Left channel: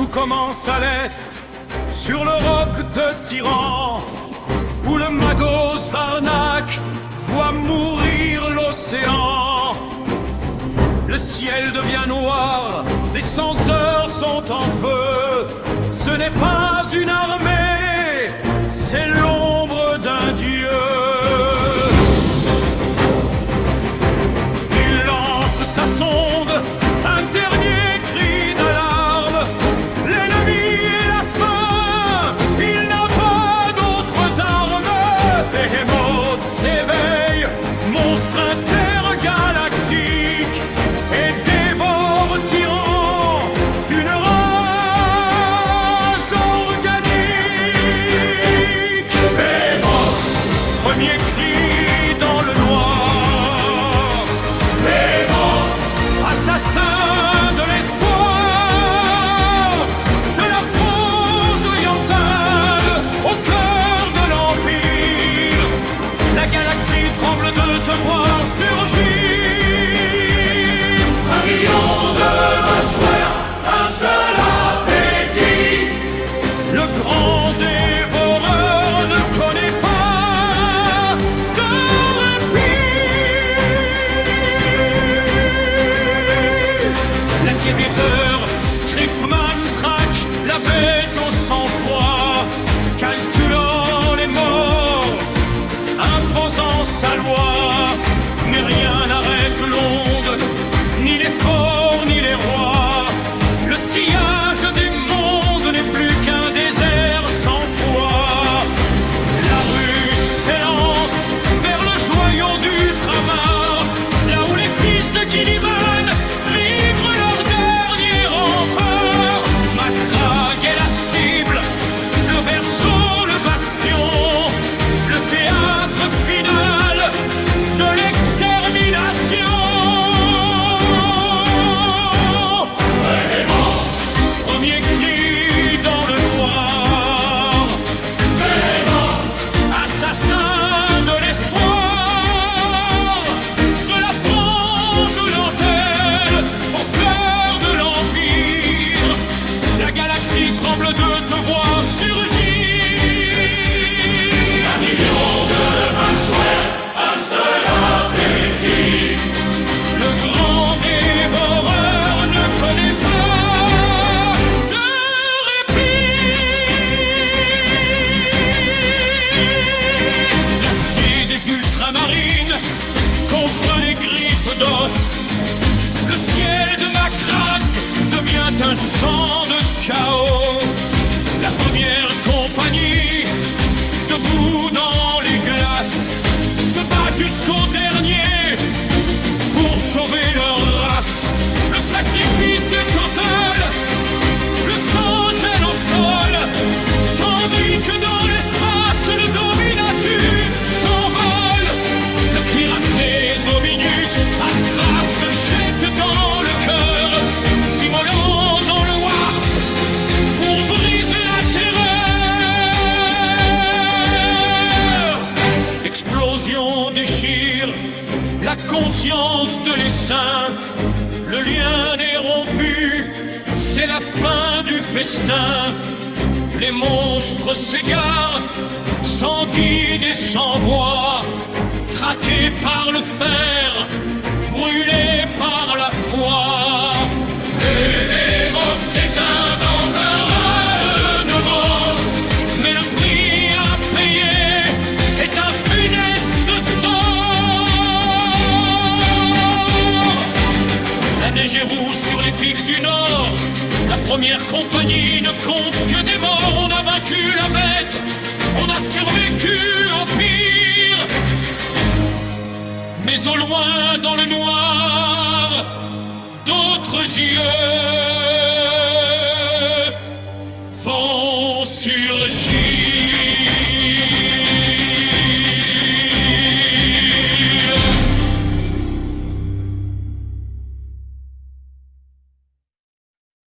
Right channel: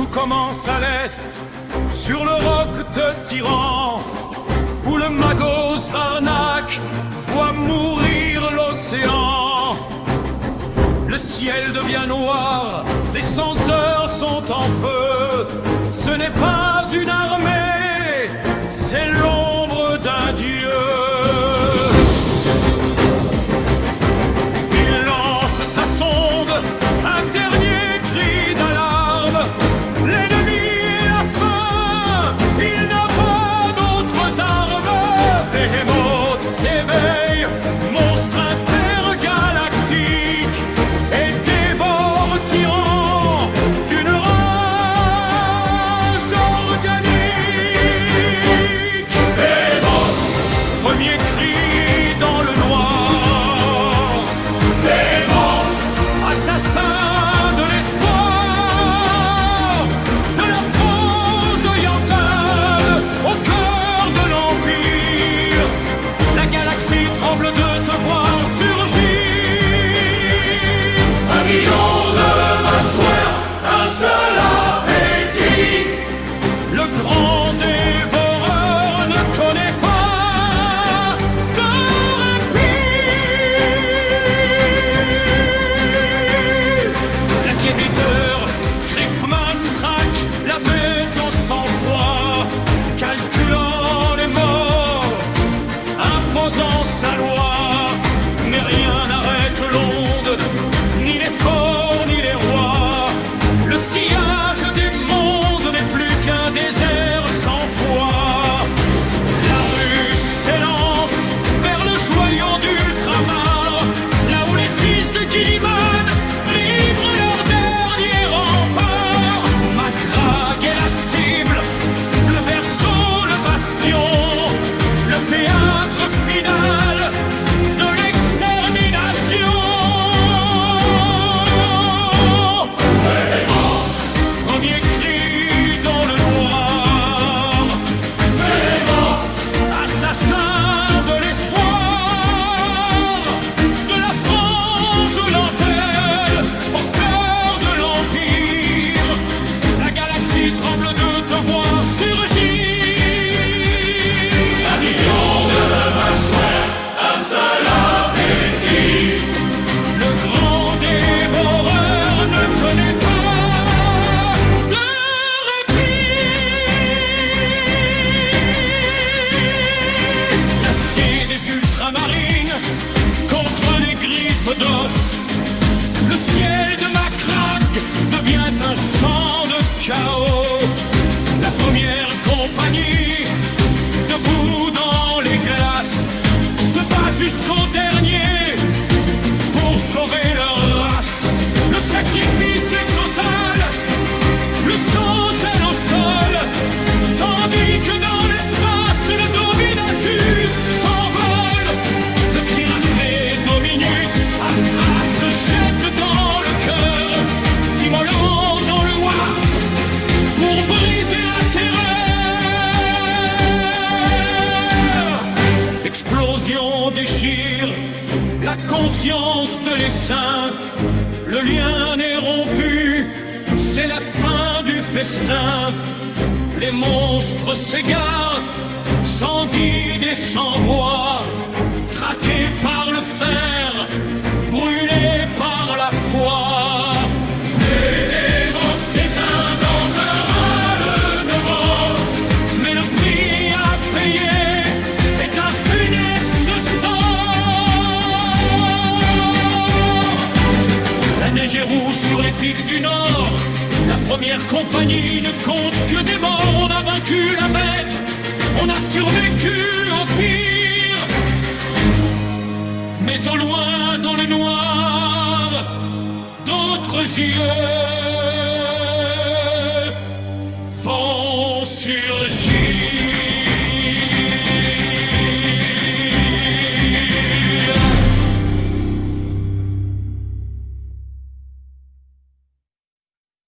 Tout commence à l'est, sur le roc de Tyran, où le magot Svarnak voit mourir l'océan. Le ciel devient noir, les censeurs sont en feu. Ce n'est pas une armée, c'est l'ombre d'un dieu. Il lance sa sonde, un dernier cri d'alarme. L'ennemi et la faim, il n'a pas d'autres armes. Behemoth s'éveille, monstre intergalactique, et dévore Tyran d'une rage organique. Behemoth, premier cri dans le noir. Behemoth, assassin de l'espoir, de la frange orientale au cœur de l'Empire. La galaxie tremble de te voir surgir. Un million de mâchoires, un seul appétit. Le grand dévoreur ne connaît pas de répit. L'inquisiteur, Kryptman traque la bête au sang-froid, calculant les morts, imposant sa loi. Mais rien n'arrête l'onde, ni les forts, ni les rois. Le sillage des mondes n'est plus qu'un désert sans foi. La ruche s'élance vers le joyau d'Ultramar, là où les fils de Gilliman livrent leur dernier rempart. Macragge est la cible, le berceau, le bastion, le théâtre final de l'extermination. Premier cri dans le noir. Assassin de l'espoir, de la frange orientale au cœur de l'Empire. La galaxie tremble de te voir surgir. Un million de mâchoires, un seul appétit. Le grand dévoreur ne connaît pas de répit. L'acier des ultramarines contre les griffes d'os. Le ciel de Macragge devient un champ de chaos. La première compagnie, debout dans les glaces, se bat jusqu'au dernier pour sauver leur race. Le sacrifice est total, le sang gèle au sol, tandis que dans l'espace le Dominatus s'envole. Le cuirassé Dominus Astra se jette dans le cœur, s'immolant dans le warp pour briser la terreur. L'explosion déchire la conscience de l'essaim. Le lien est rompu, c'est la fin du festin. Les monstres s'égarent, sans guide et sans voix, traqués par le fer, brûlés par la foi. Behemoth s'éteint dans un râle de mort, mais le prix à payer est un funeste sort. La neige est rouge sur les pics du nord. La première compagnie ne compte que des morts. On a vaincu la bête, on a survécu au pire. Mais au loin, dans le noir, d'autres yeux vont surgir.